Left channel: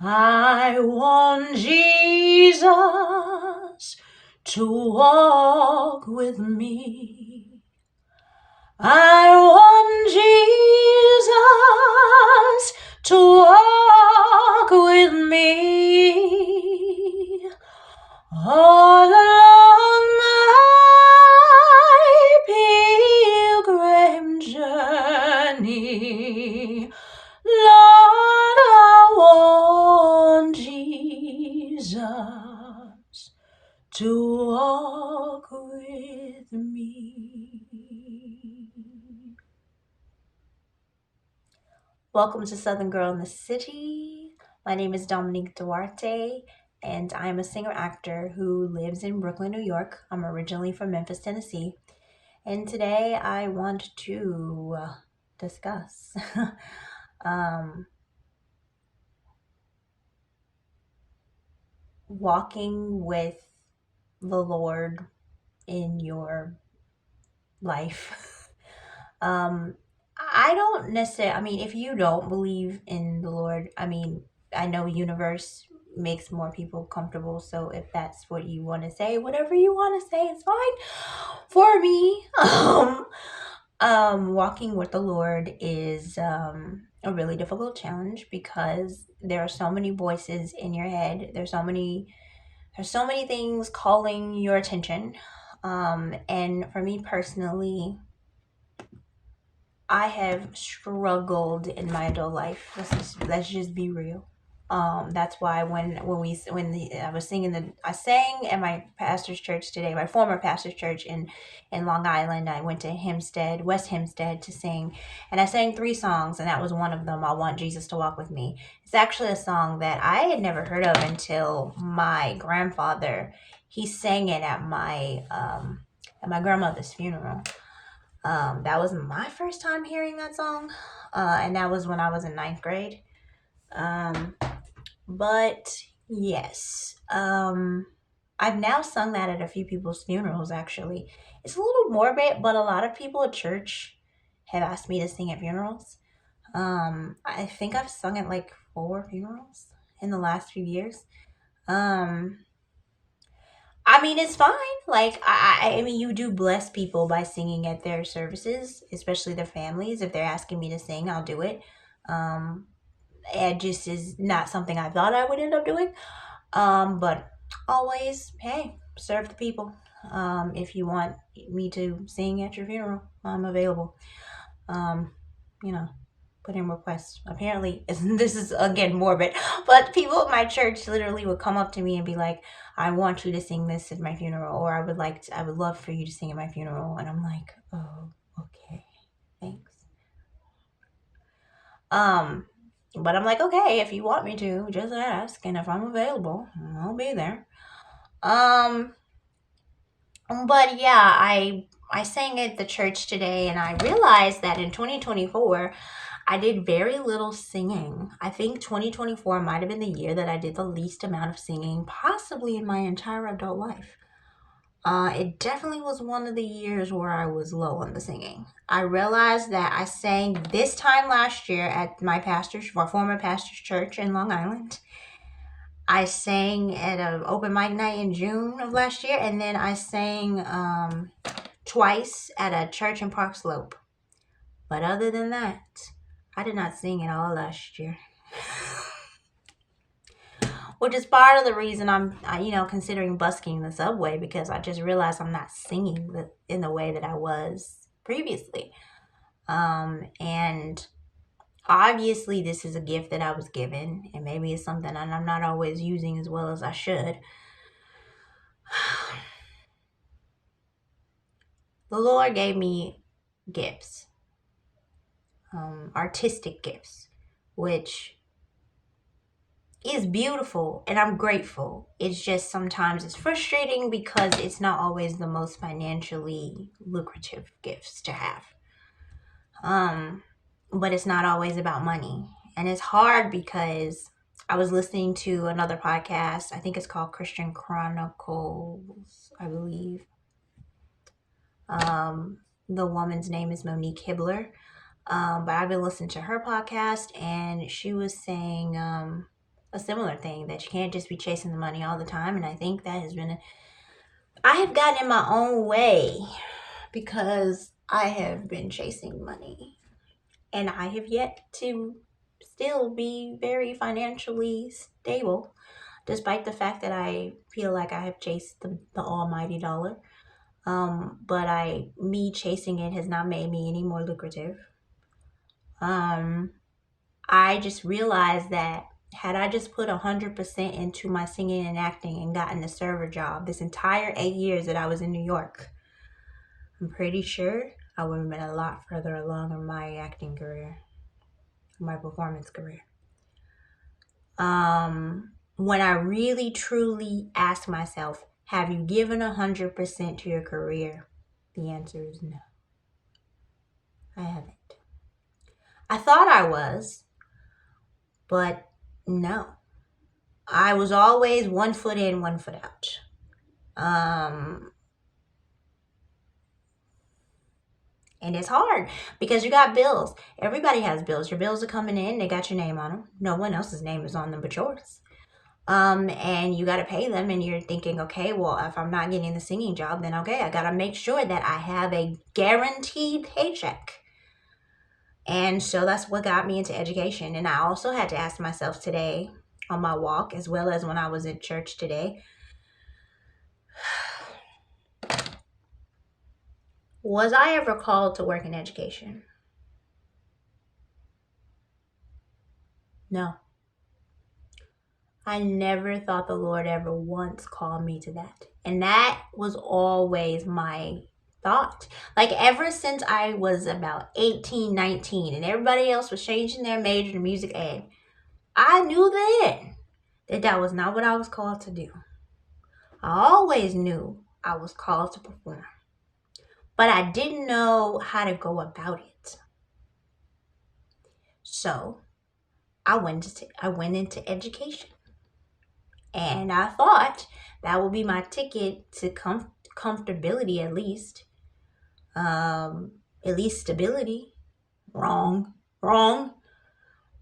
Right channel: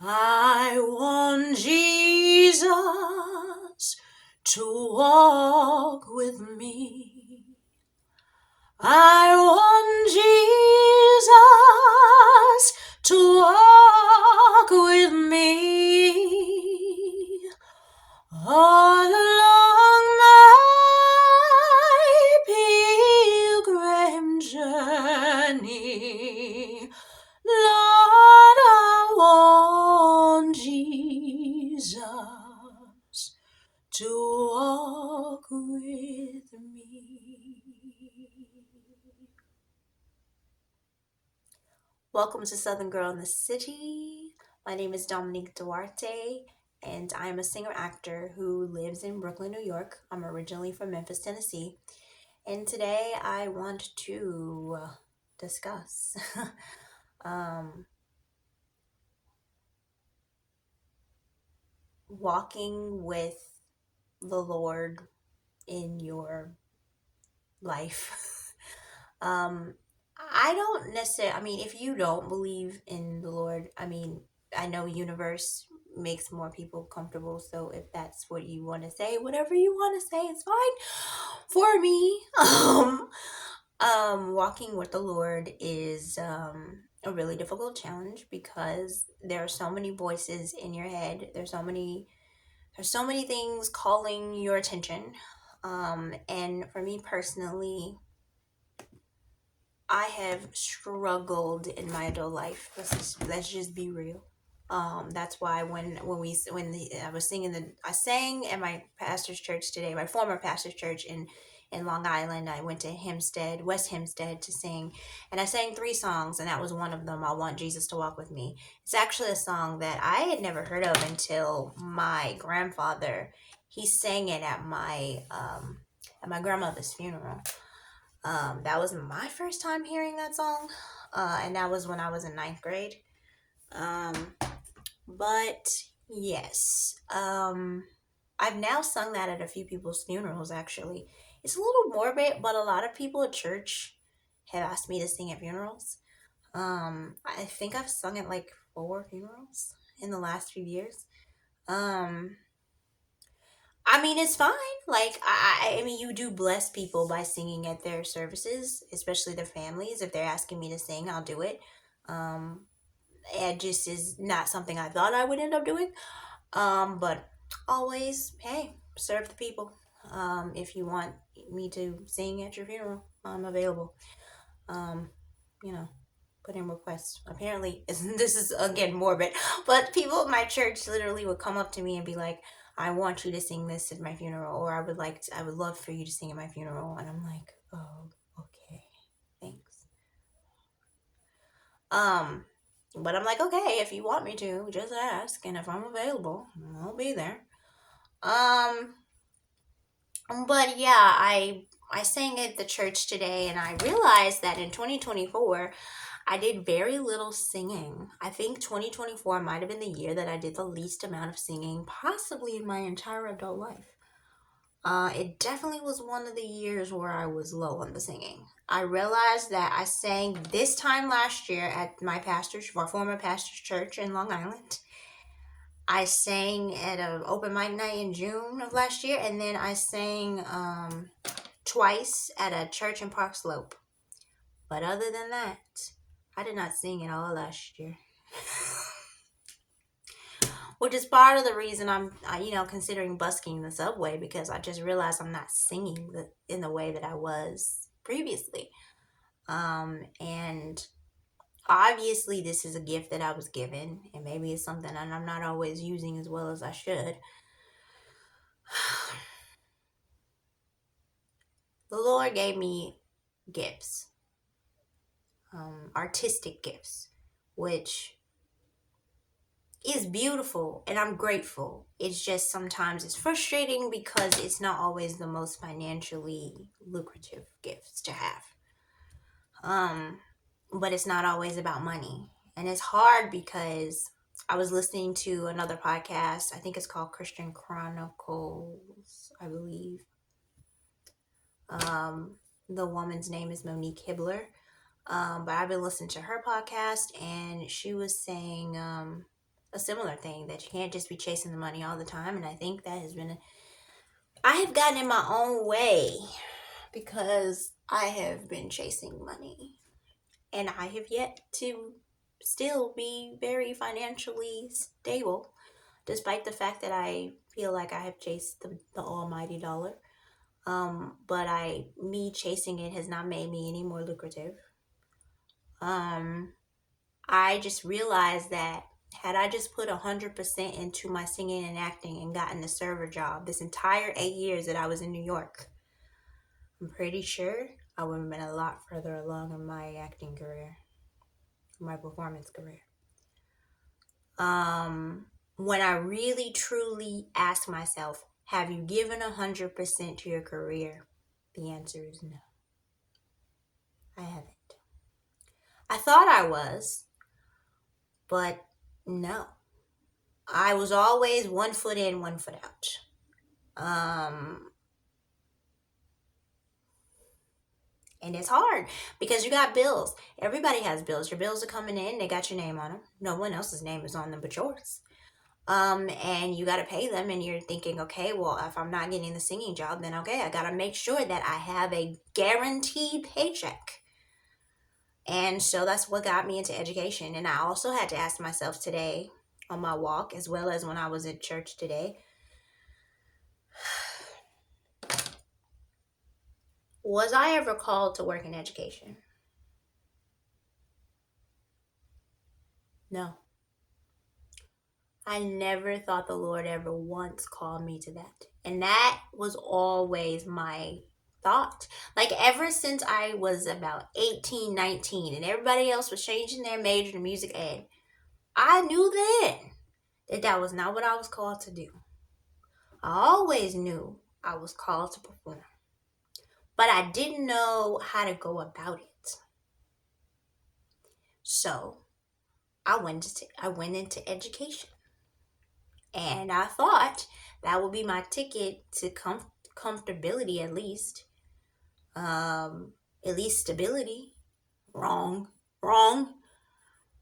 I want Jesus to walk with me. I want Jesus to walk with me all along my pilgrim journey. Lord, I want Jesus to walk with me. Welcome to Southern Girl in the City. My name is Dominique Duarte, and I'm a singer actor who lives in Brooklyn, New York. I'm originally from Memphis, Tennessee, and today I want to discuss walking with the Lord in your life. I don't necessarily, if you don't believe in the Lord, I know universe makes more people comfortable. So if that's what you want to say, whatever you want to say, it's fine for me. Walking with the Lord is a really difficult challenge because there are so many voices in your head. There's so many things calling your attention. And for me personally, I have struggled in my adult life. Let's just be real. That's why I sang at my pastor's church today, my former pastor's church in Long Island. I went to Hempstead, West Hempstead, to sing, and I sang 3 songs, and that was one of them. I Want Jesus to Walk with Me. It's actually a song that I had never heard of until my grandfather. He sang it at my grandmother's funeral. That was my first time hearing that song, and that was when I was in 9th grade. But yes, I've now sung that at a few people's funerals, actually. It's a little morbid, but a lot of people at church have asked me to sing at funerals. I think I've sung at like 4 funerals in the last few years. It's fine. Like, you do bless people by singing at their services, especially their families. If they're asking me to sing, I'll do it. Um, it just is not something I thought I would end up doing. But always, hey, serve the people. If you want me to sing at your funeral, I'm available. Um, you know, put in requests. Apparently, this is again morbid, but people at my church literally would come up to me and be like, "I want you to sing this at my funeral," or I would love for you to sing at my funeral," and I'm like, "Oh, okay, thanks." Um, but I'm like, "Okay, if you want me to, just ask, and if I'm available, I'll be there." Um, but yeah, I sang at the church today, and I realized that in 2024, I did very little singing. I think 2024 might have been the year that I did the least amount of singing, possibly in my entire adult life. It definitely was one of the years where I was low on the singing. I realized that I sang this time last year at my former pastor's church in Long Island. I sang at an open mic night in June of last year, and then I sang twice at a church in Park Slope. But other than that, I did not sing at all last year. Which is part of the reason I'm considering busking the subway, because I just realized I'm not singing in the way that I was previously. And obviously this is a gift that I was given, and maybe it's something that I'm not always using as well as I should. The Lord gave me gifts, artistic gifts, which is beautiful, and I'm grateful. It's just sometimes it's frustrating because it's not always the most financially lucrative gifts to have. But it's not always about money. And it's hard because I was listening to another podcast. I think it's called Christian Chronicles, I believe. The woman's name is Monique Hibbler. But I've been listening to her podcast, and she was saying a similar thing, that you can't just be chasing the money all the time. And I think that has been, I have gotten in my own way because I have been chasing money and I have yet to still be very financially stable, despite the fact that I feel like I have chased the almighty dollar. But me chasing it has not made me any more lucrative. Um, I just realized that had I just put 100% into my singing and acting and gotten a server job this entire 8 years that I was in New York, I'm pretty sure I would have been a lot further along in my acting career, my performance career. When I really truly ask myself, have you given 100% to your career? The answer is no. I haven't. I thought I was, but no. I was always 1 foot in, 1 foot out. And it's hard because you got bills. Everybody has bills. Your bills are coming in. They got your name on them. No one else's name is on them but yours. And you got to pay them. And you're thinking, okay, well, if I'm not getting the singing job, then okay, I got to make sure that I have a guaranteed paycheck. And so that's what got me into education. And I also had to ask myself today on my walk, as well as when I was at church today, was I ever called to work in education? No. I never thought the Lord ever once called me to that. And that was always my thought. Like ever since I was about 18, 19, and everybody else was changing their major to music ed, I knew then that that was not what I was called to do. I always knew I was called to perform, but I didn't know how to go about it. So I went into education. And I thought that would be my ticket to comfortability, at least stability. Wrong.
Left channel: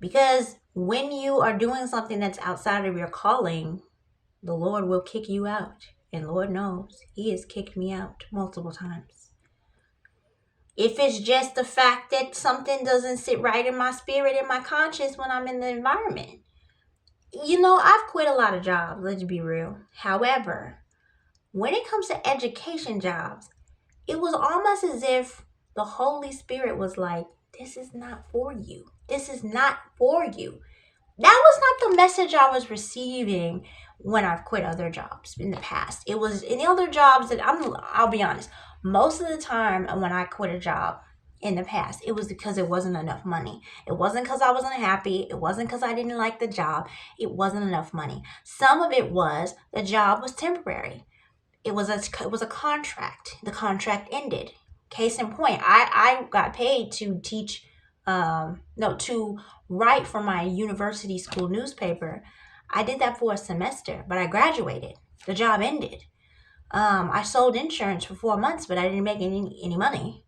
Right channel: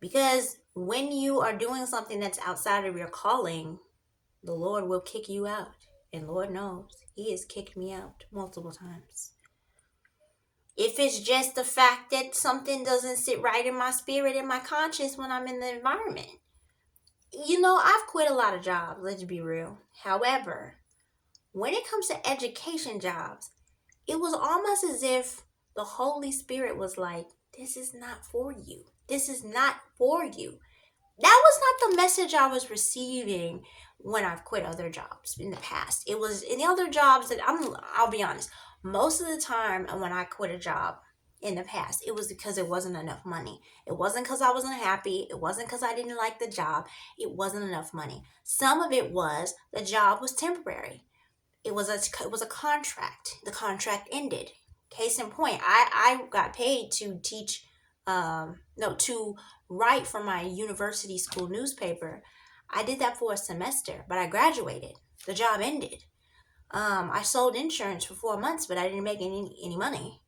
Because when you are doing something that's outside of your calling, the Lord will kick you out. And Lord knows, He has kicked me out multiple times. If it's just the fact that something doesn't sit right in my spirit and my conscience when I'm in the environment. I've quit a lot of jobs, let's be real. However, when it comes to education jobs, it was almost as if the Holy Spirit was like, this is not for you. This is not for you. That was not the message I was receiving when I've quit other jobs in the past. It was in the other jobs that I'll be honest, most of the time when I quit a job in the past, it was because it wasn't enough money. It wasn't because I wasn't happy. It wasn't because I didn't like the job. It wasn't enough money. Some of it was the job was temporary. It was a contract. The contract ended. Case in point, I got paid to teach, to write for my university school newspaper. I did that for a semester, but I graduated. The job ended. I sold insurance for 4 months, but I didn't make any money.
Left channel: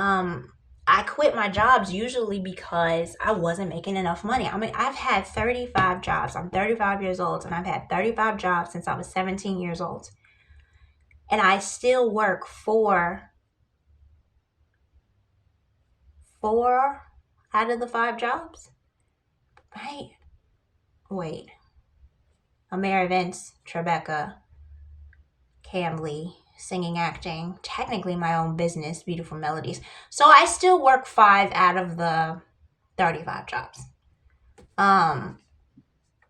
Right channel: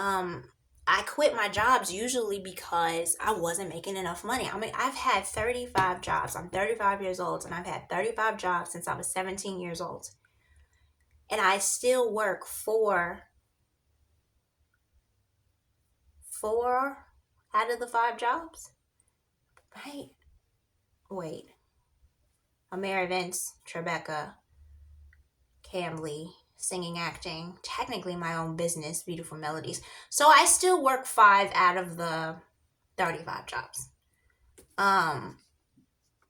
I quit my jobs usually because I wasn't making enough money. I mean, I've had 35 jobs. I'm 35 years old, and I've had 35 jobs since I was 17 years old. And I still work four out of the 5 jobs. Right. Wait. Amara Vince, Tribeca, Camley, singing, acting, technically my own business, Beautiful Melodies. So I still work 5 out of the 35 jobs.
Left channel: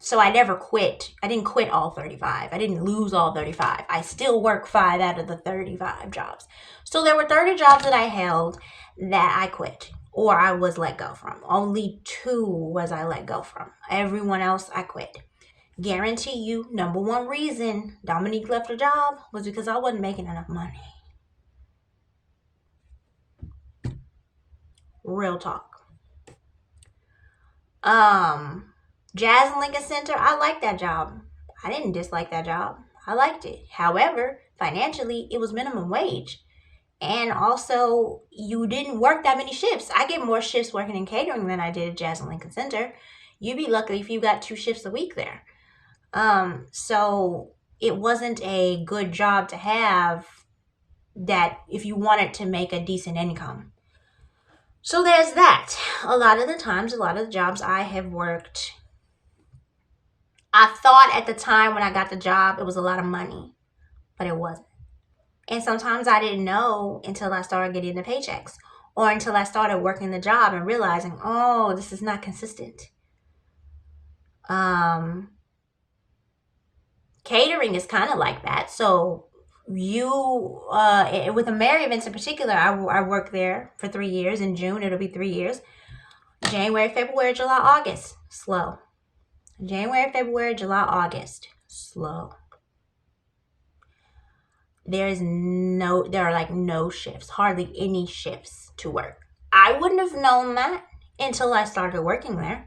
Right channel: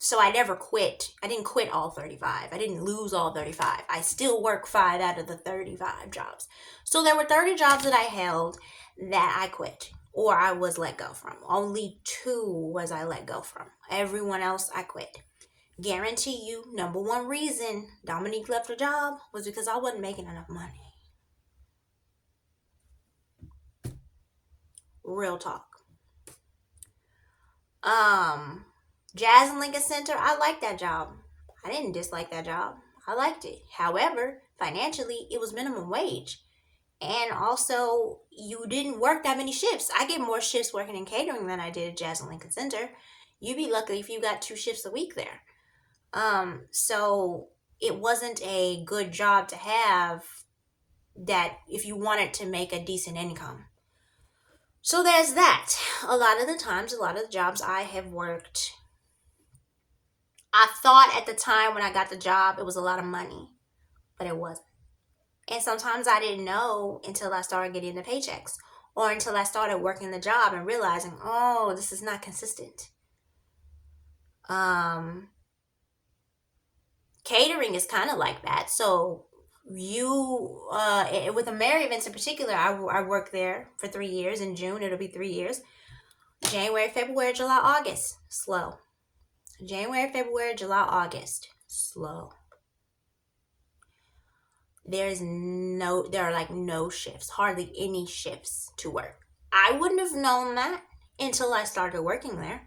So I never quit. I didn't quit all 35. I didn't lose all 35. I still work 5 out of the 35 jobs. So there were 30 jobs that I held that I quit or I was let go from. Only 2 was I let go from. Everyone else I quit. Guarantee you, number 1 reason Dominique left her job was because I wasn't making enough money. Real talk. Jazz and Lincoln Center, I liked that job. I didn't dislike that job. I liked it. However, financially, it was minimum wage. And also, you didn't work that many shifts. I get more shifts working in catering than I did at Jazz and Lincoln Center. You'd be lucky if you got 2 shifts a week there. So it wasn't a good job to have that if you wanted to make a decent income. So there's that. A lot of the times, a lot of the jobs I have worked, I thought at the time when I got the job, it was a lot of money, but it wasn't. And sometimes I didn't know until I started getting the paychecks or until I started working the job and realizing, oh, this is not consistent. Catering is kind of like that. So you, with the Merry events in particular, I worked there for 3 years. In June, it'll be 3 years. January, February, July, August, slow. January, February, July, August, slow. There are like no shifts, hardly any shifts to work. I wouldn't have known that until I started working there.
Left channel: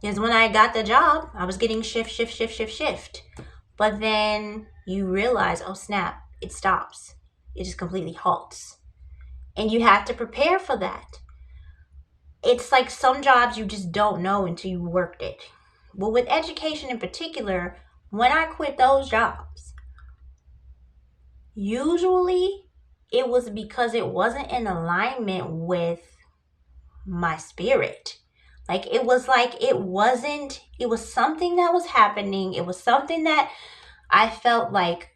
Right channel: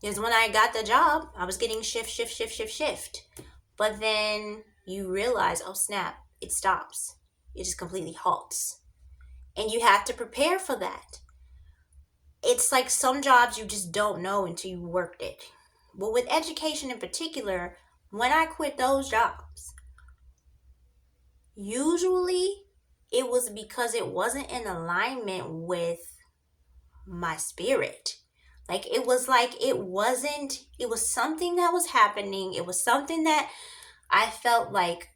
Because when I got the job, I was getting shift. But then you realize, oh snap, it stops. It just completely halts. And you have to prepare for that. It's like some jobs you just don't know until you worked it. But with education in particular, when I quit those jobs, usually it was because it wasn't in alignment with my spirit. It was something that was happening. It was something that I felt like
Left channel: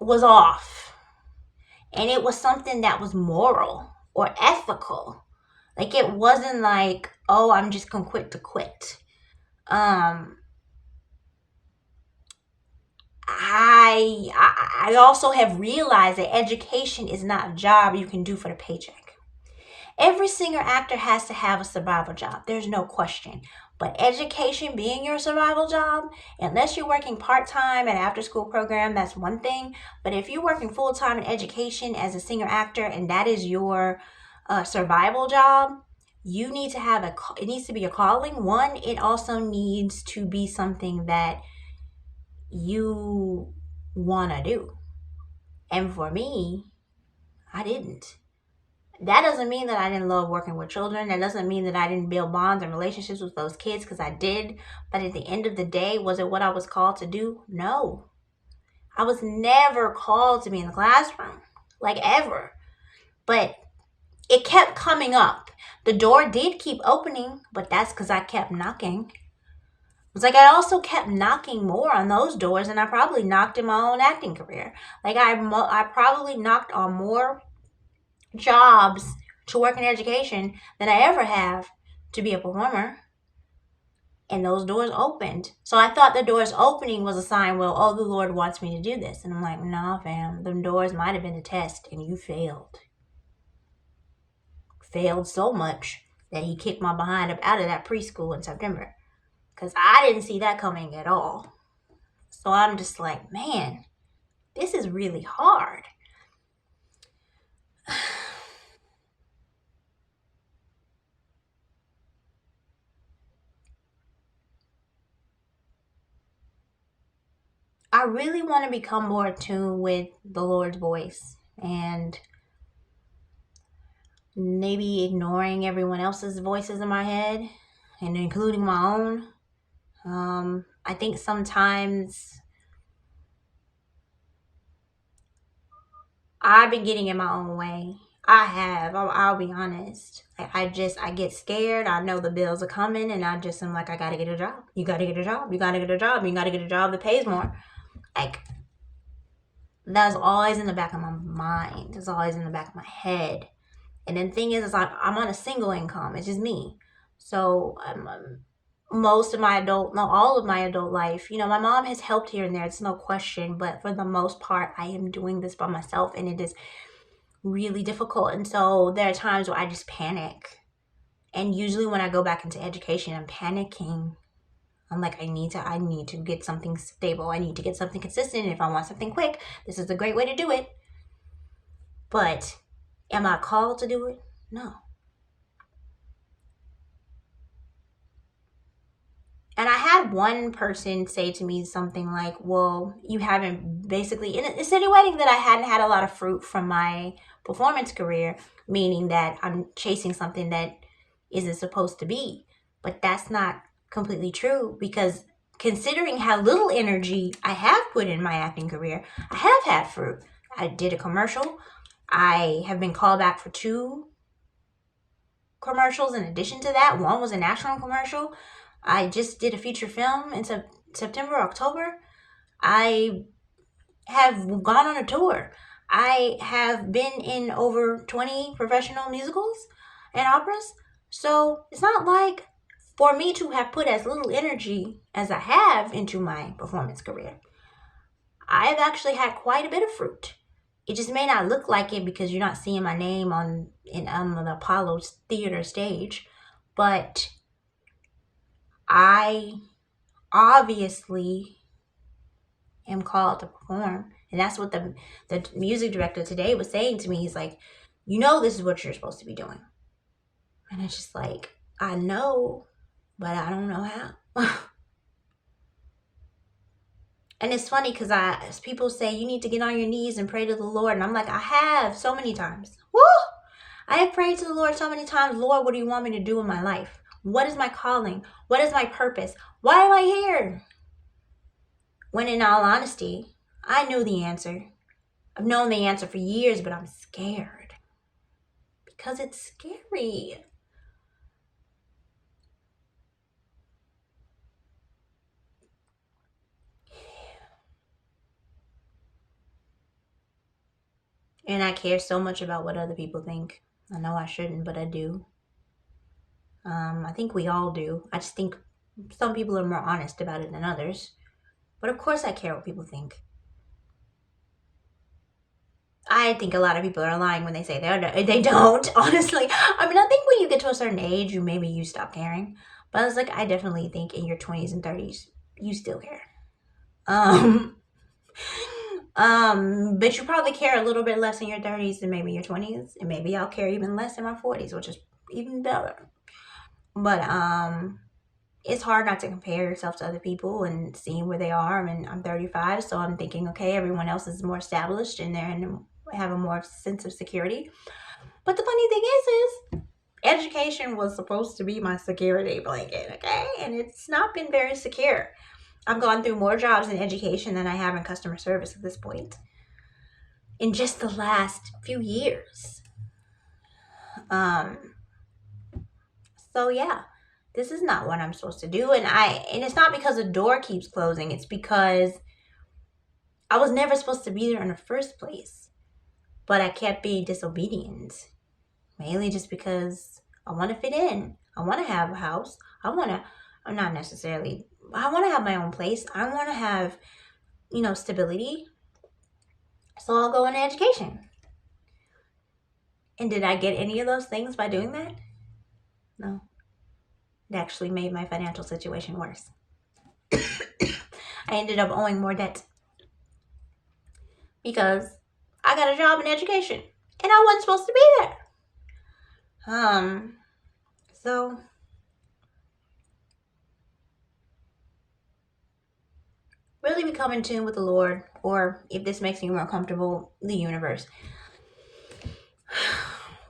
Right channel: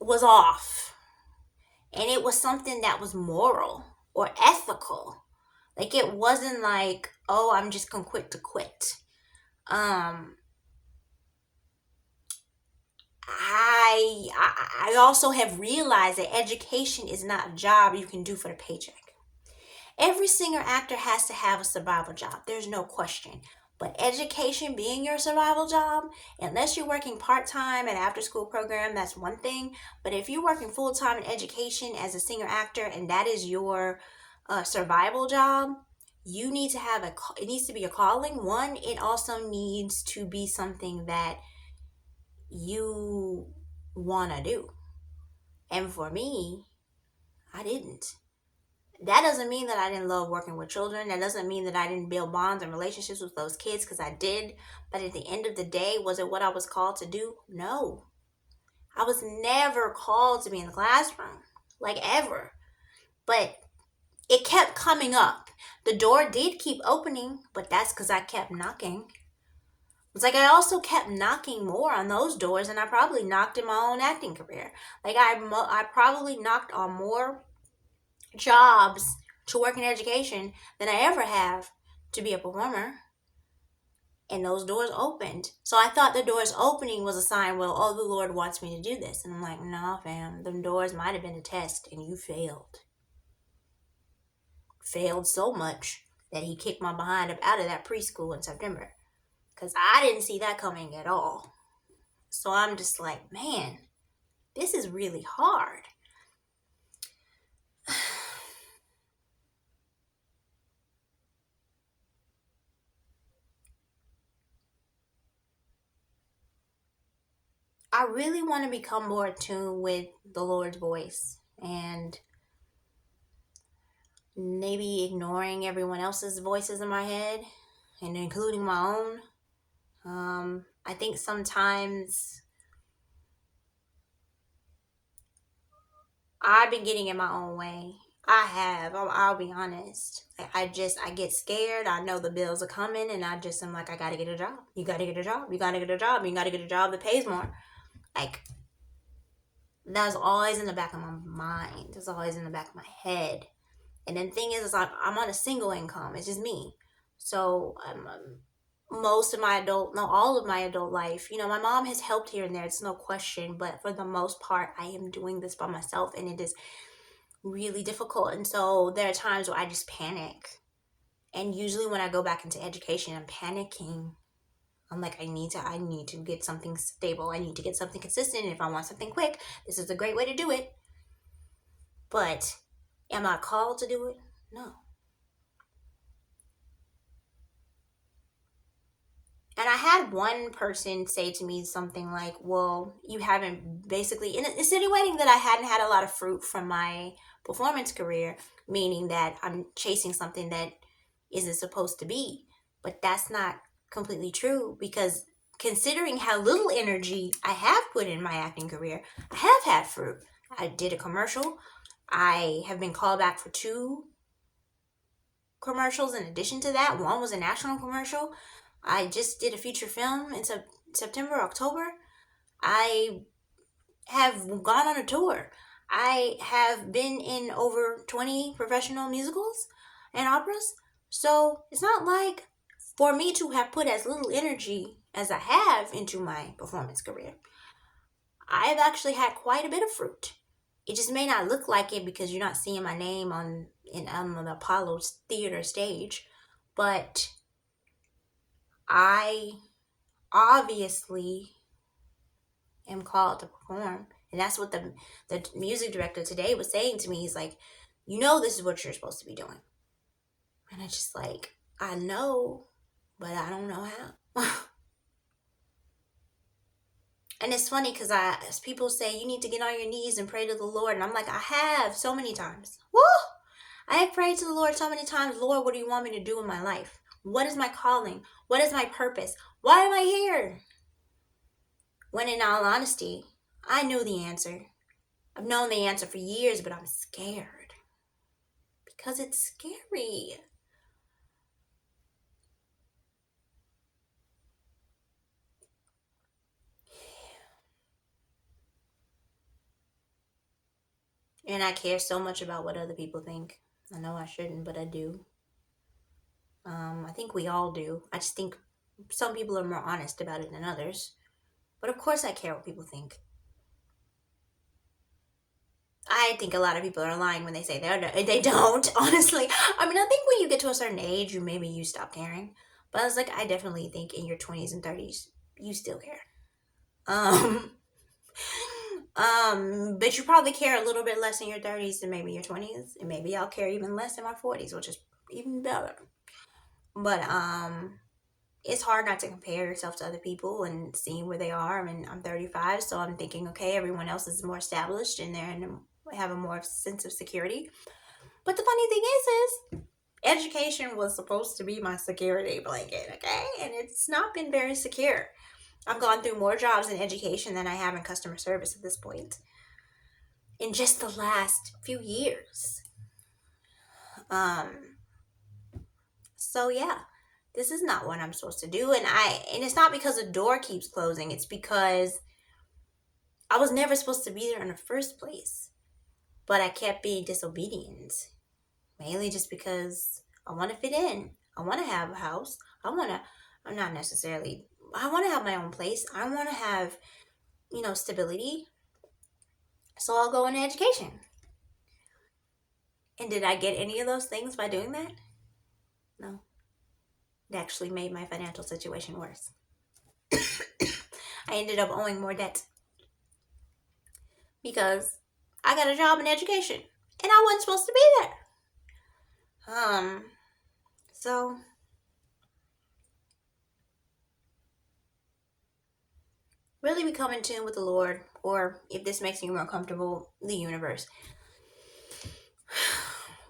was off. And it was something that was moral or ethical. It wasn't like, oh, I'm just gonna quit to quit. I also have realized that education is not a job you can do for the paycheck. Every singer actor has to have a survival job. There's no question. But education being your survival job, unless you're working part-time at an after-school program, that's one thing. But if you're working full-time in education as a singer actor and that is your survival job, you need to have it needs to be a calling. One, it also needs to be something that you want to do. And for me, I didn't. That doesn't mean that I didn't love working with children. That doesn't mean that I didn't build bonds and relationships with those kids, because I did. But at the end of the day, was it what I was called to do? No. I was never called to be in the classroom, ever. But it kept coming up. The door did keep opening, but that's because I kept knocking. It's like I also kept knocking more on those doors than I probably knocked in my own acting career. I probably knocked on more jobs to work in education than I ever have to be a performer. And those doors opened. So I thought the doors opening was a sign, well, oh, the Lord wants me to do this. And I'm like, nah, fam, them doors might have been a test and you failed. Failed so much that he kicked my behind up out of that preschool in September. Because I didn't see that coming at all. So I'm just like, man, this is really hard. I really want to become more attuned with the Lord's voice and maybe ignoring everyone else's voices in my head and including my own. I think sometimes I've been getting in my own way. I have. I'll be honest. I get scared. I know the bills are coming, and I'm like, I gotta get a job. You gotta get a job. You gotta get a job. You gotta get a job that pays more. That's always in the back of my mind. It's always in the back of my head. And then the thing is I'm on a single income. It's just me. So most of my all of my adult life, my mom has helped here and there. It's no question. But for the most part, I am doing this by myself, and it is really difficult. And so there are times where I just panic. And usually when I go back into education, I'm panicking. I'm like, I need to get something stable. I need to get something consistent. And if I want something quick, this is a great way to do it. But am I called to do it? No. And I had one person say to me something like, well, you haven't basically, insinuating that I hadn't had a lot of fruit from my performance career, meaning that I'm chasing something that is it supposed to be? But that's not completely true, because considering how little energy I have put in my acting career, I have had fruit. I did a commercial. I have been called back for 2 commercials in addition to that. One was a national commercial. I just did a feature film in September, October. I have gone on a tour. I have been in over 20 professional musicals and operas. So it's not like for me to have put as little energy as I have into my performance career. I've actually had quite a bit of fruit. It just may not look like it because you're not seeing my name on the Apollo Theater stage, but I obviously am called to perform. And that's what the music director today was saying to me. He's like, you know, this is what you're supposed to be doing. And it's just like, I know, but I don't know how. And it's funny because as people say, you need to get on your knees and pray to the Lord. And I'm like, I have so many times. Woo! I have prayed to the Lord so many times. Lord, what do you want me to do in my life? What is my calling? What is my purpose? Why am I here? When in all honesty, I knew the answer. I've known the answer for years, but I'm scared. Because it's scary. And I care so much about what other people think. I know I shouldn't, but I do. I think we all do. I just think some people are more honest about it than others. But of course I care what people think. I think a lot of people are lying when they say they don't, honestly. I mean, I think when you get to a certain age, maybe you stop caring. But I was like, I definitely think in your 20s and 30s, you still care. Um, but you probably care a little bit less in your 30s than maybe your 20s. And maybe I'll care even less in my 40s, which is even better. But, it's hard not to compare yourself to other people and seeing where they are. I mean, I'm 35, so I'm thinking, okay, everyone else is more established and have a more sense of security. But the funny thing is education was supposed to be my security blanket, okay? And it's not been very secure. I've gone through more jobs in education than I have in customer service at this point in just the last few years. So yeah, this is not what I'm supposed to do. And it's not because the door keeps closing. It's because I was never supposed to be there in the first place. But I kept being disobedient. Mainly just because I want to fit in. I want to have a house. I want to have my own place. I want to have, stability. So I'll go into education. And did I get any of those things by doing that? No. It actually made my financial situation worse. I ended up owing more debt because I got a job in education and I wasn't supposed to be there. So really become in tune with the Lord, or if this makes you more comfortable, the universe.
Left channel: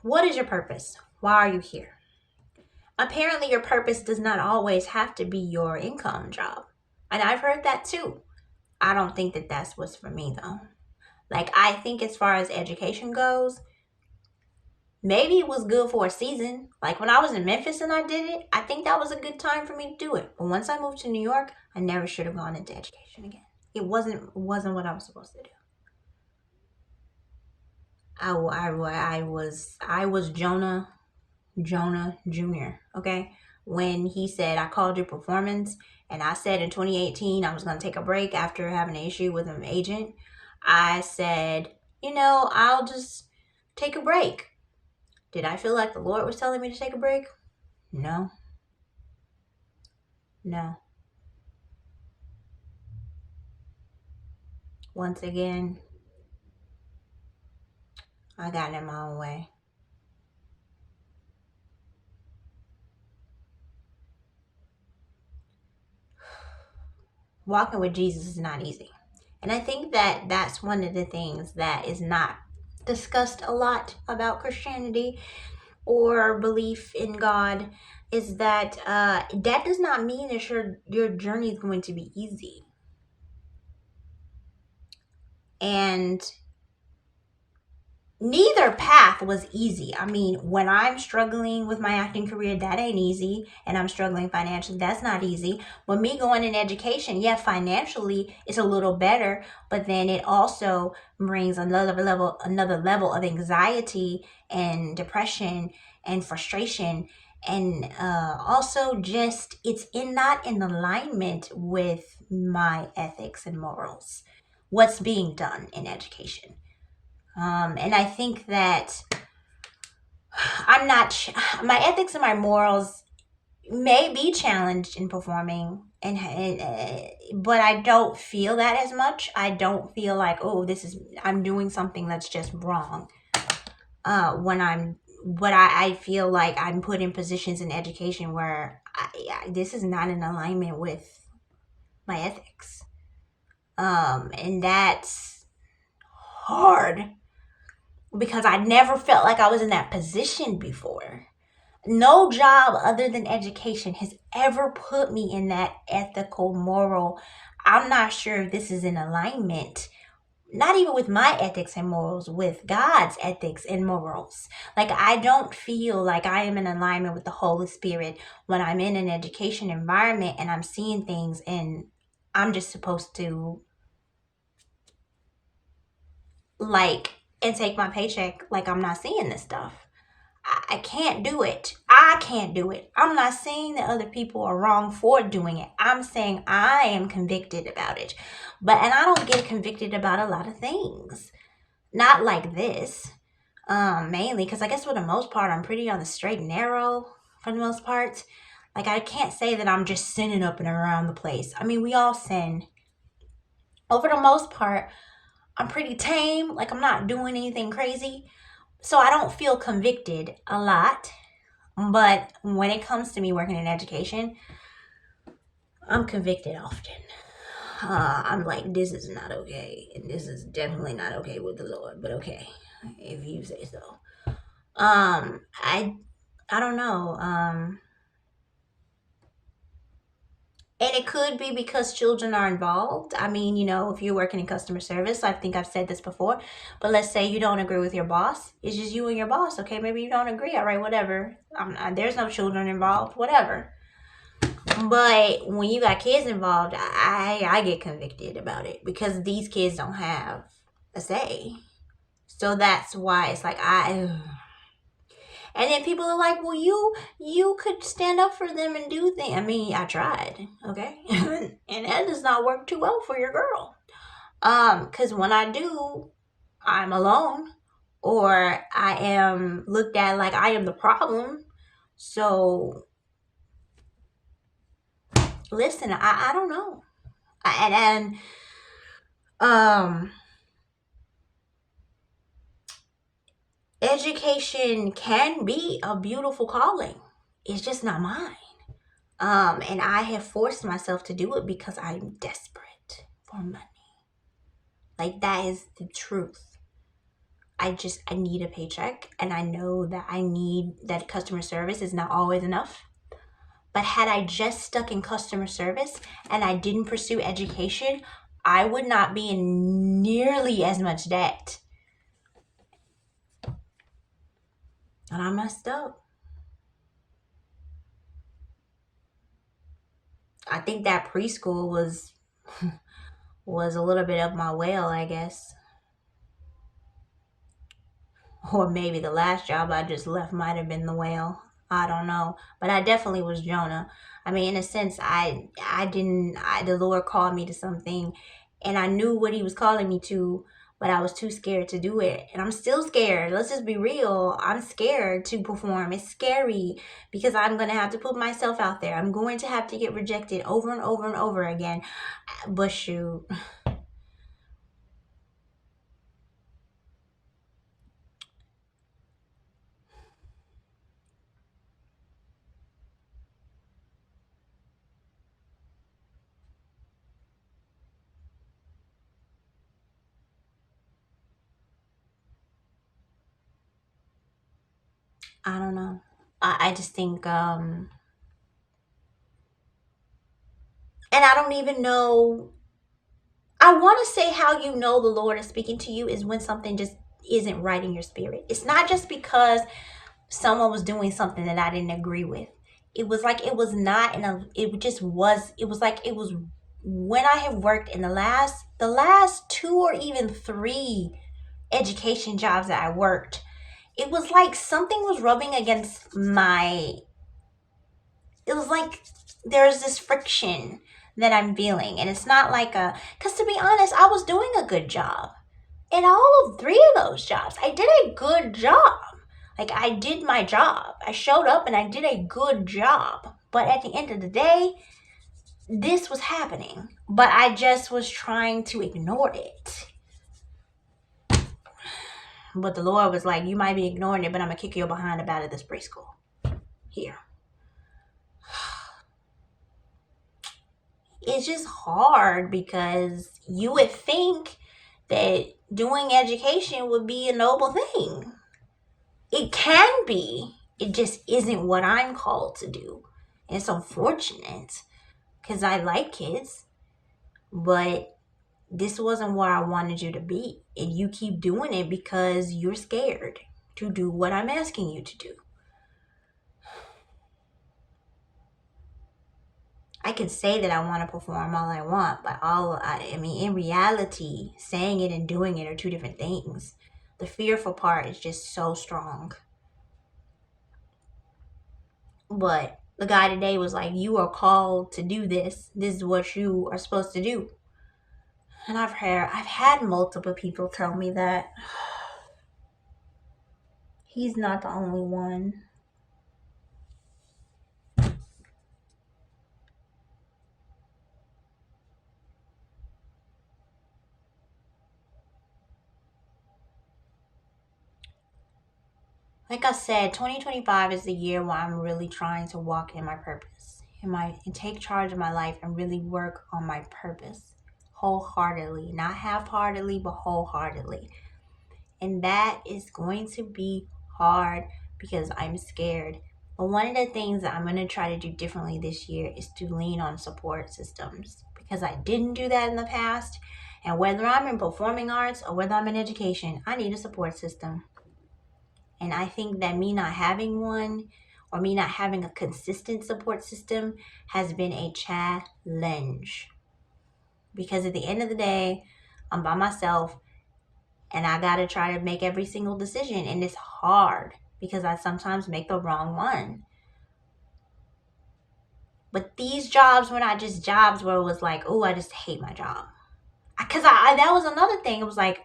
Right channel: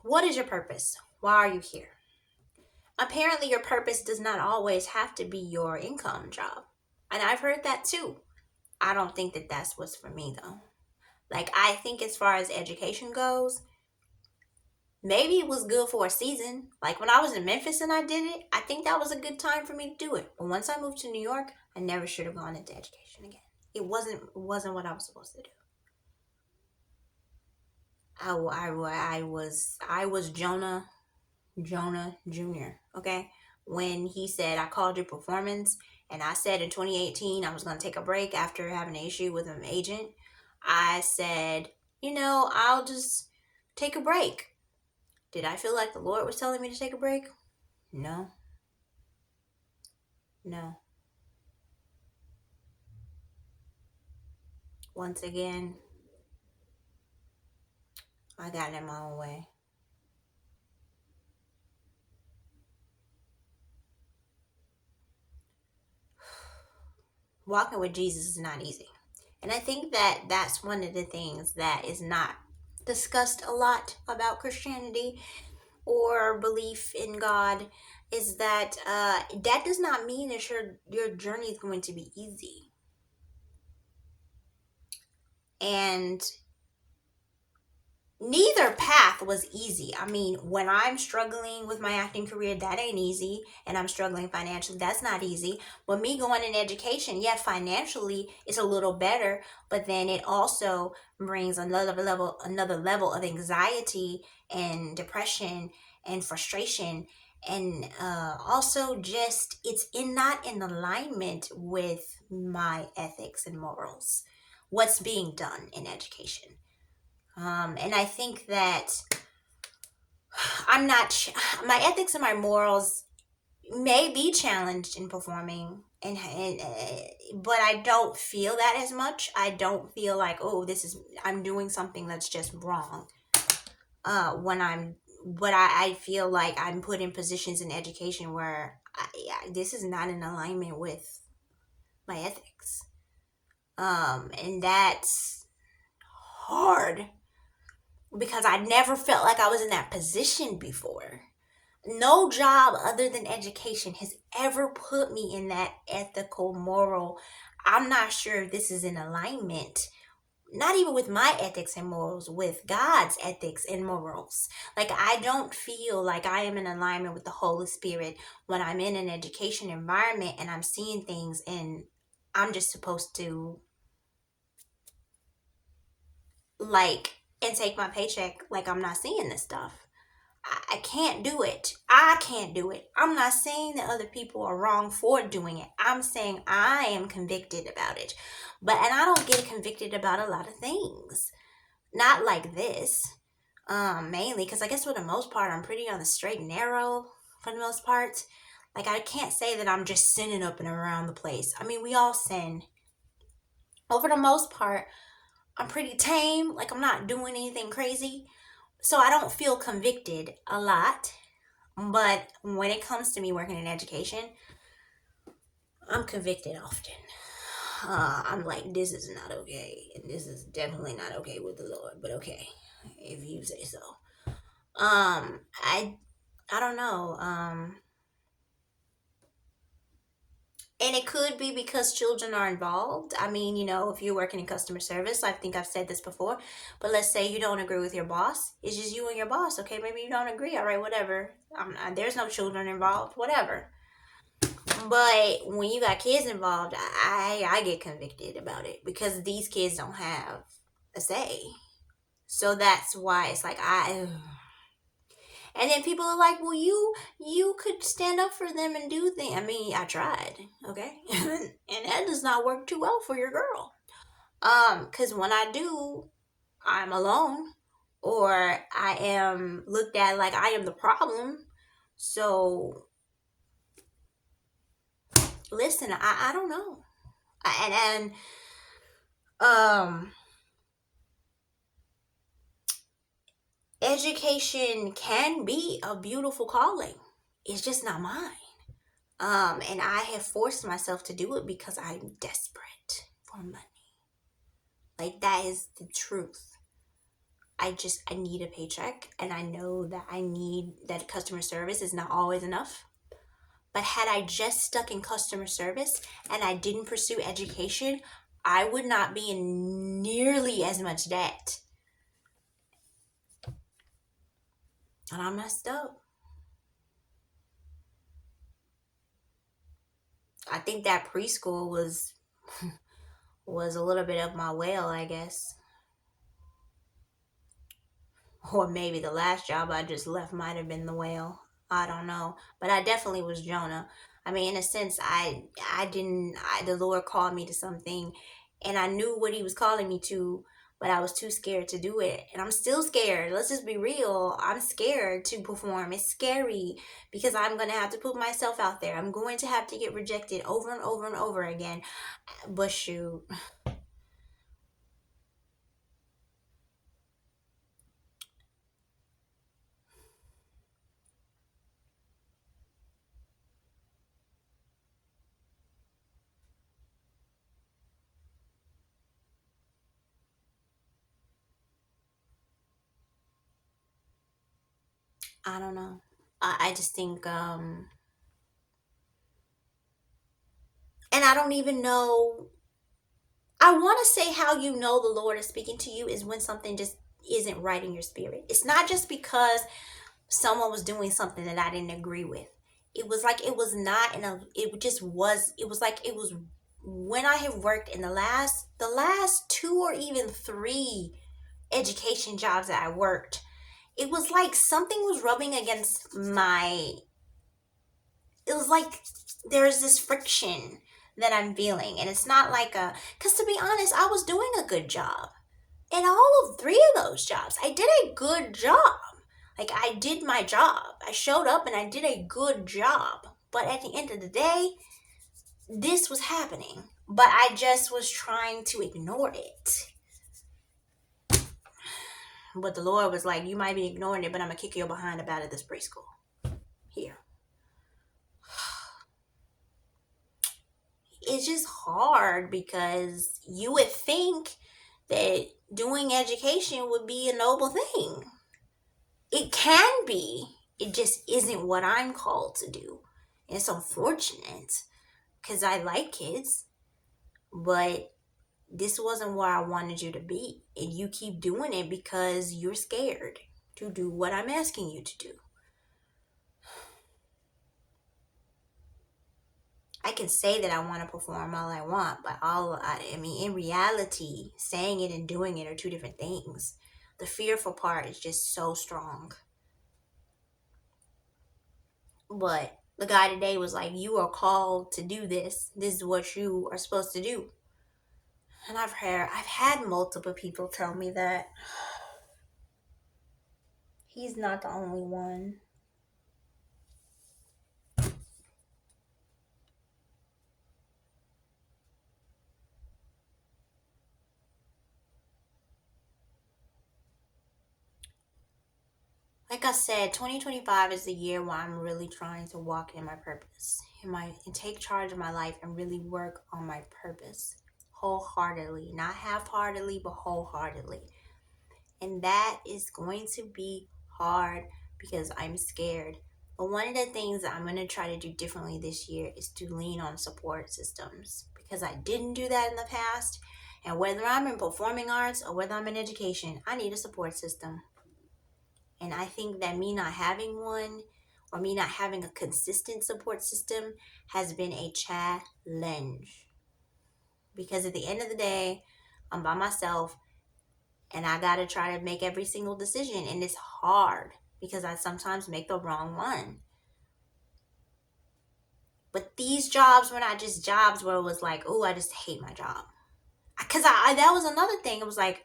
What is your purpose? Why are you here? Apparently, your purpose does not always have to be your income job. And I've heard that too. I don't think that that's what's for me though. Like, I think as far as education goes, maybe it was good for a season. Like when I was in Memphis and I did it, I think that was a good time for me to do it. But once I moved to New York, I never should have gone into education again. It wasn't what I was supposed to do. I was Jonah Jr. Okay, when he said I called your performance, and I said in 2018 I was gonna take a break after having an issue with an agent. I said, I'll just take a break. Did I feel like the Lord was telling me to take a break? No. No. Once again, I got in my own way. Walking with Jesus is not easy. And I think that that's one of the things that is not discussed a lot about Christianity, or belief in God is that that does not mean that your journey is going to be easy. And neither path was easy. I mean, when I'm struggling with my acting career, that ain't easy. And I'm struggling financially, that's not easy. But me going in education, yeah, financially it's a little better, but then it also brings another level of anxiety and depression and frustration. And also just not in alignment with my ethics and morals. What's being done in education. And I think that I'm not, my ethics and my morals may be challenged in performing, but I don't feel that as much. I don't feel like, oh, I'm doing something that's just wrong. When but I feel like I'm put in positions in education where this is not in alignment with my ethics. And that's hard because I never felt like I was in that position before. No job other than education has ever put me in that ethical, moral. I'm not sure if this is in alignment, not even with my ethics and morals, with God's ethics and morals. Like, I don't feel like I am in alignment with the Holy Spirit when I'm in an education environment and I'm seeing things and I'm just supposed to, like, and take my paycheck like I'm not seeing this stuff. I can't do it. I can't do it. I'm not saying that other people are wrong for doing it. I'm saying I am convicted about it. And I don't get convicted about a lot of things. Not like this. Mainly because I guess for the most part I'm pretty on the straight and narrow for the most part. Like, I can't say that I'm just sinning up and around the place. I mean, we all sin. Over the most part, I'm pretty tame. Like, I'm not doing anything crazy. So I don't feel convicted a lot. But when it comes to me working in education, I'm convicted often. I'm like, this is not okay. And this is definitely not okay with the Lord. But okay, if you say so. I don't know. And it could be because children are involved. I mean, if you're working in customer service, I think I've said this before, but let's say you don't agree with your boss. It's just you and your boss. Okay, maybe you don't agree. All right, whatever. There's no children involved. Whatever. But when you got kids involved, I get convicted about it because these kids don't have a say. So that's why it's like and then people are like, well, you could stand up for them and do things. I mean, I tried, okay, and that does not work too well for your girl. Because when I do, I'm alone, or I am looked at like I am the problem. So listen, I don't know, and education can be a beautiful calling. It's just not mine. And I have forced myself to do it because I'm desperate for money. Like, that is the truth. I need a paycheck, and I know that that customer service is not always enough. But had I just stuck in customer service and I didn't pursue education, I would not be in nearly as much debt. And I messed up. I think that preschool was a little bit up my whale, I guess. Or maybe the last job I just left might have been the whale. I don't know. But I definitely was Jonah. I mean, in a sense, the Lord called me to something and I knew what he was calling me to, but I was too scared to do it. And I'm still scared. Let's just be real. I'm scared to perform. It's scary because I'm going to have to put myself out there. I'm going to have to get rejected over and over and over again. But shoot. I don't know. I just think, and I don't even know. I want to say how you know the Lord is speaking to you is when something just isn't right in your spirit. It's not just because someone was doing something that I didn't agree with. It was like it was not in a, it just was, it was like it was when I have worked in the last two or even three education jobs that I worked. It was like something was rubbing against my, it was like there's this friction that I'm feeling. And it's not like a, because to be honest, I was doing a good job in all of three of those jobs. I did a good job. Like, I did my job. I showed up and I did a good job. But at the end of the day, this was happening. But I just was trying to ignore it. But the Lord was like, you might be ignoring it, but I'm going to kick you behind about it this preschool. Here. It's just hard because you would think that doing education would be a noble thing. It can be. It just isn't what I'm called to do. And it's unfortunate because I like kids, but this wasn't where I wanted you to be. And you keep doing it because you're scared to do what I'm asking you to do. I can say that I want to perform all I want, but I mean, in reality, saying it and doing it are two different things. The fearful part is just so strong. But the guy today was like, you are called to do this. This is what you are supposed to do. And I've had multiple people tell me that. He's not the only one. Like I said, 2025 is the year where I'm really trying to walk in my purpose, and take charge of my life and really work on my purpose wholeheartedly, not half-heartedly, but wholeheartedly. And that is going to be hard because I'm scared. But one of the things that I'm going to try to do differently this year is to lean on support systems because I didn't do that in the past. And whether I'm in performing arts or whether I'm in education, I need a support system. And I think that me not having one or me not having a consistent support system has been a challenge. Because at the end of the day, I'm by myself and I got to try to make every single decision. And it's hard because I sometimes make the wrong one. But these jobs were not just jobs where it was like, oh, I just hate my job. Because that was another thing. It was like,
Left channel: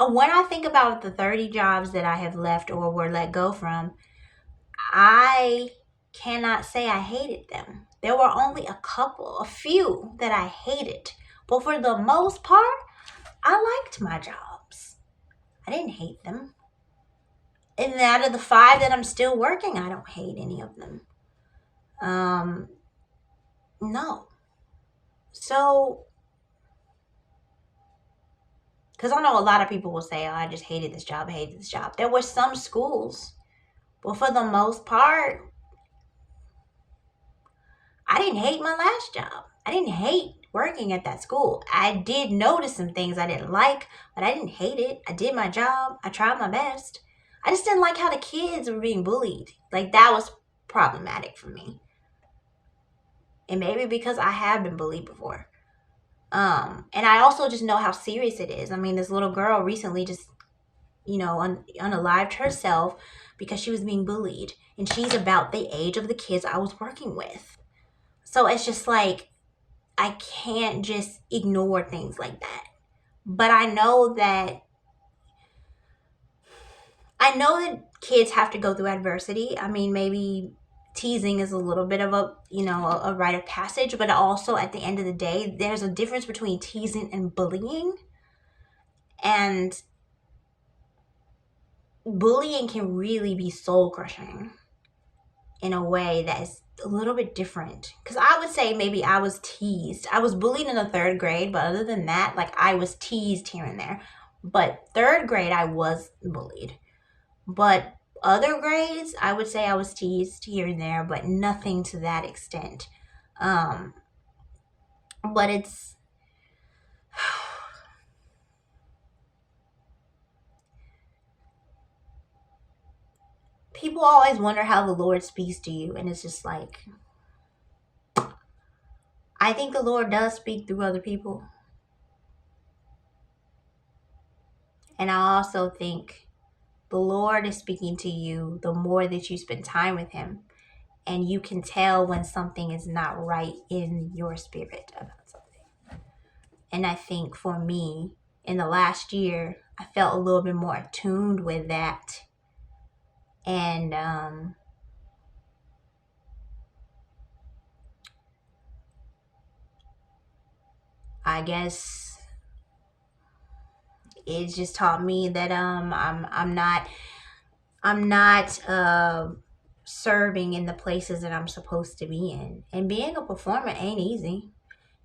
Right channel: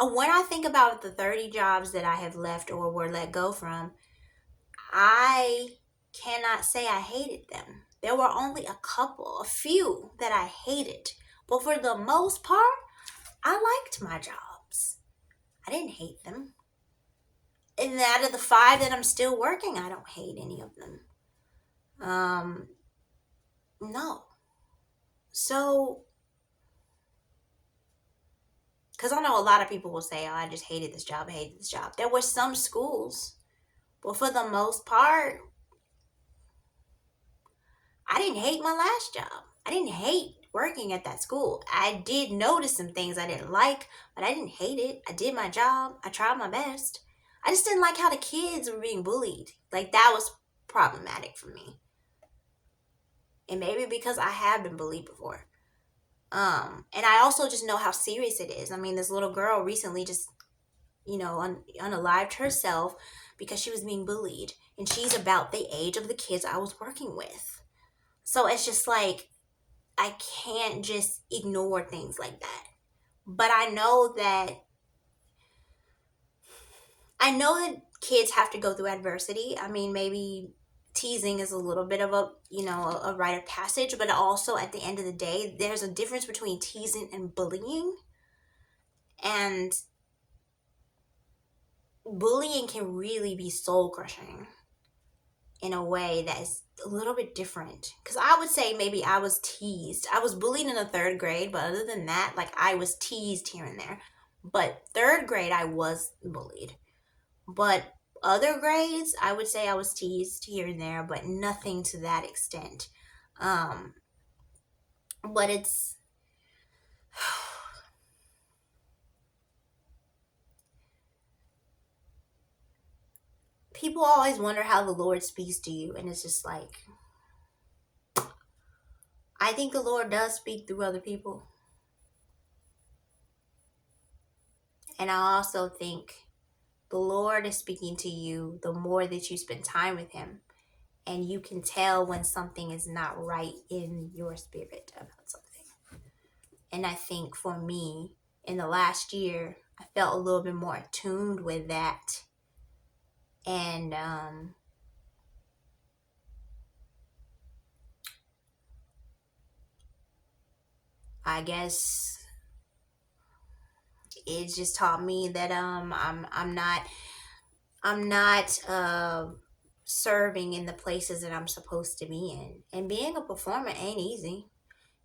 when I think about the 30 jobs that I have left or were let go from, I cannot say I hated them. There were only a few that I hated. But for the most part, I liked my jobs. I didn't hate them. And out of the 5 that I'm still working, I don't hate any of them. No. So, because I know a lot of people will say, oh, I just hated this job, I hated this job. There were some schools, but for the most part, I didn't hate my last job. I didn't hate working at that school. I did notice some things I didn't like, but I didn't hate it. I did my job. I tried my best. I just didn't like how the kids were being bullied. Like, that was problematic for me. And maybe because I have been bullied before. And I also just know how serious it is. I mean, this little girl recently just, unalived herself because she was being bullied. And she's about the age of the kids I was working with. So it's just like, I can't just ignore things like that. But I know that kids have to go through adversity. I mean, maybe teasing is a little bit of a rite of passage, but also at the end of the day, there's a difference between teasing and bullying. And bullying can really be soul crushing in a way that is a little bit different. Because I would say maybe I was teased. I was bullied in the 3rd grade, but other than that, like, I was teased here and there. But 3rd grade, I was bullied. But Other grades, I would say I was teased here and there, but nothing to that extent. Um, but it's people always wonder how the Lord speaks to you, and it's just like I think the Lord does speak through other people, and I also think the Lord is speaking to you the more that you spend time with Him, and you can tell when something is not right in your spirit about something. And I think for me, in the last year, I felt a little bit more attuned with that. And I guess it just taught me that I'm not serving in the places that I'm supposed to be in. And being a performer ain't easy.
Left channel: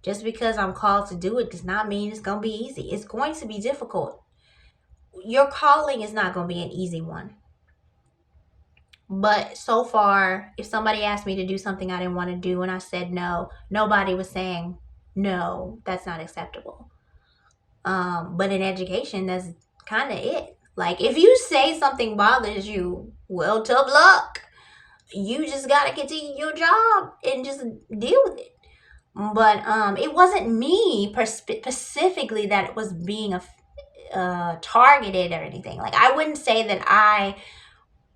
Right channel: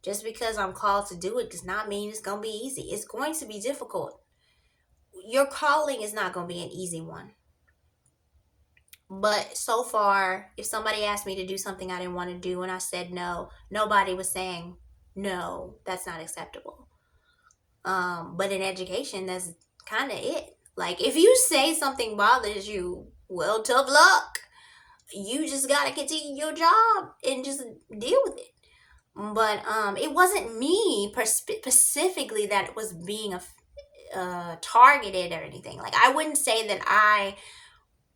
Just because I'm called to do it does not mean it's going to be easy. It's going to be difficult. Your calling is not going to be an easy one. But so far, if somebody asked me to do something I didn't want to do and I said no, nobody was saying, no, that's not acceptable. But in education, that's kind of it. Like, if you say something bothers you, well, tough luck. You just got to continue your job and just deal with it. But it wasn't me specifically that was being targeted or anything. Like, I wouldn't say that I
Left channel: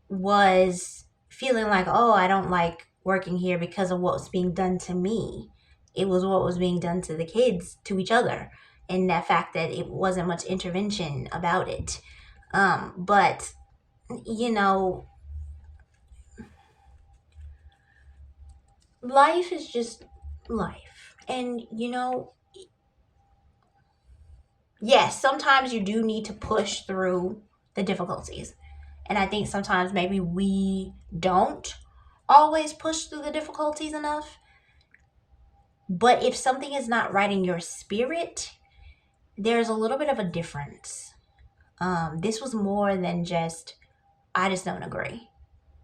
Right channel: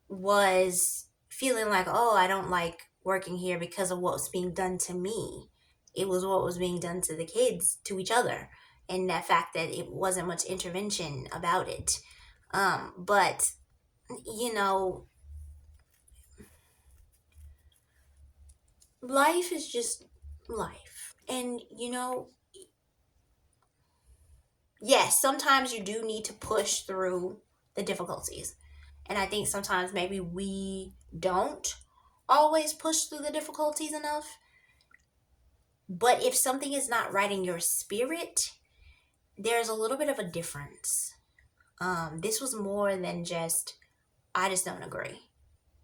was feeling like, oh, I don't like working here because of what was being done to me. It was what was being done to the kids, to each other, and that fact that it wasn't much intervention about it. But, you know, life is just life. And, you know, yes, sometimes you do need to push through the difficulties. And I think sometimes maybe we don't always push through the difficulties enough. But if something is not right in your spirit, there's a little bit of a difference. This was more than just, I just don't agree.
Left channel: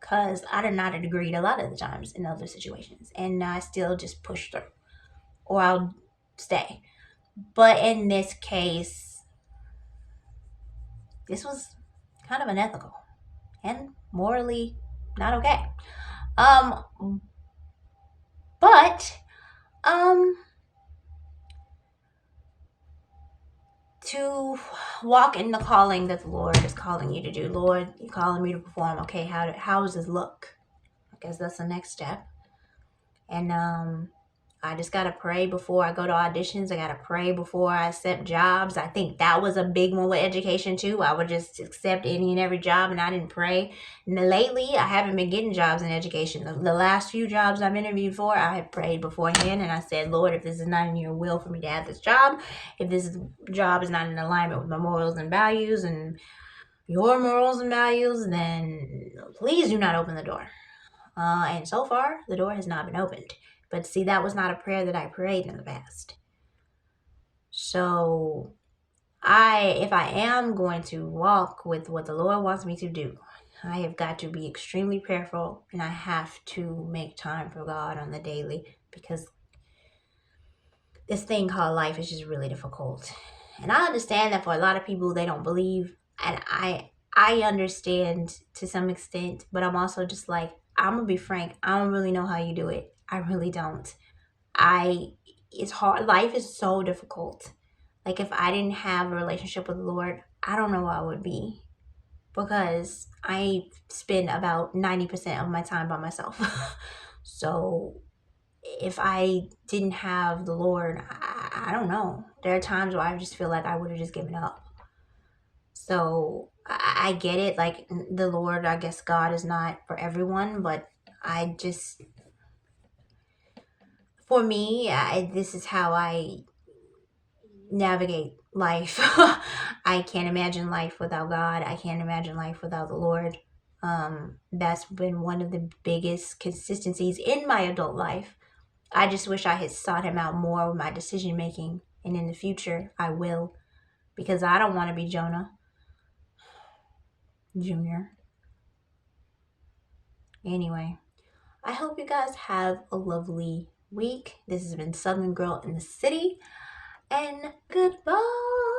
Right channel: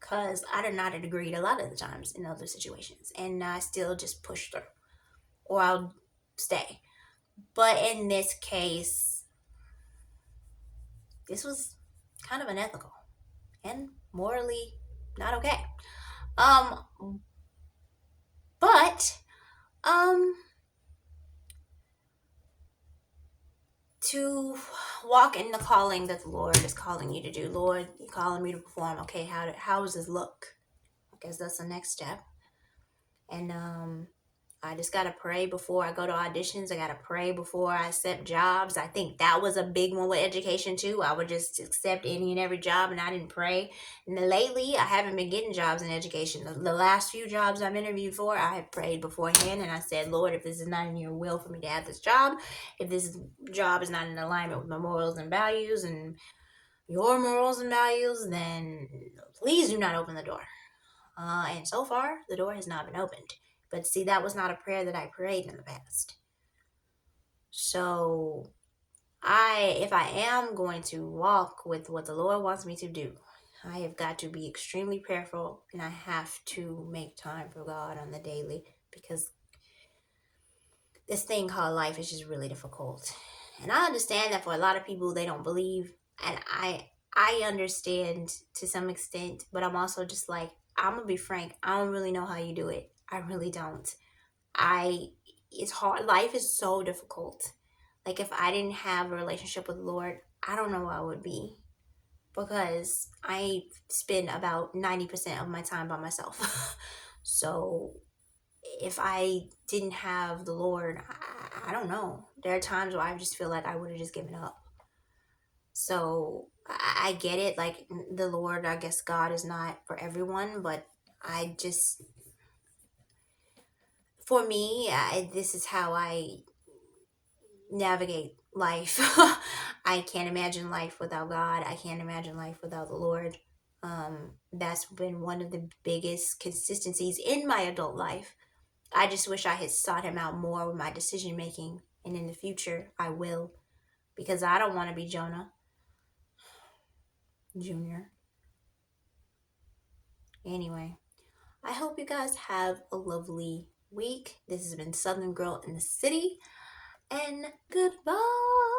Because I did not agree a lot of the times in other situations. And I still just push through. Or I'll stay. But in this case, this was kind of unethical and morally not okay. Um, but um, to walk in the calling that the Lord is calling you to do, Lord, you're calling me to perform. Okay, how does this look? I guess that's the next step. And I just gotta pray before I go to auditions. I gotta pray before I accept jobs. I think that was a big one with education too. I would just accept any and every job, and I didn't pray. And lately, I haven't been getting jobs in education. The last few jobs I've interviewed for, I have prayed beforehand, and I said, Lord, if this is not in your will for me to have this job, if this job is not in alignment with my morals and values and your morals and values, then please do not open the door. And so far, the door has not been opened. But see, that was not a prayer that I prayed in the past. So, if I am going to walk with what the Lord wants me to do, I have got to be extremely prayerful, and I have to make time for God on the daily, because this thing called life is just really difficult. And I understand that for a lot of people, they don't believe, and I understand to some extent, but I'm also just like, I'm gonna be frank, I don't really know how you do it. I really don't. It's hard. Life is so difficult. Like, if I didn't have a relationship with the Lord, I don't know where I would be, because I spend about 90% of my time by myself. So if I didn't have the Lord, I don't know. There are times where I just feel like I would have just given up. So I get it. Like, the Lord, I guess God is not for everyone, but I just, for me, this is how I navigate life. I can't imagine life without God. I can't imagine life without the Lord. That's been one of the biggest consistencies in my adult life. I just wish I had sought him out more with my decision making, and in the future I will, because I don't want to be Jonah Jr. Anyway, I hope you guys have a lovely week. This has been Southern Girl in the City, and goodbye.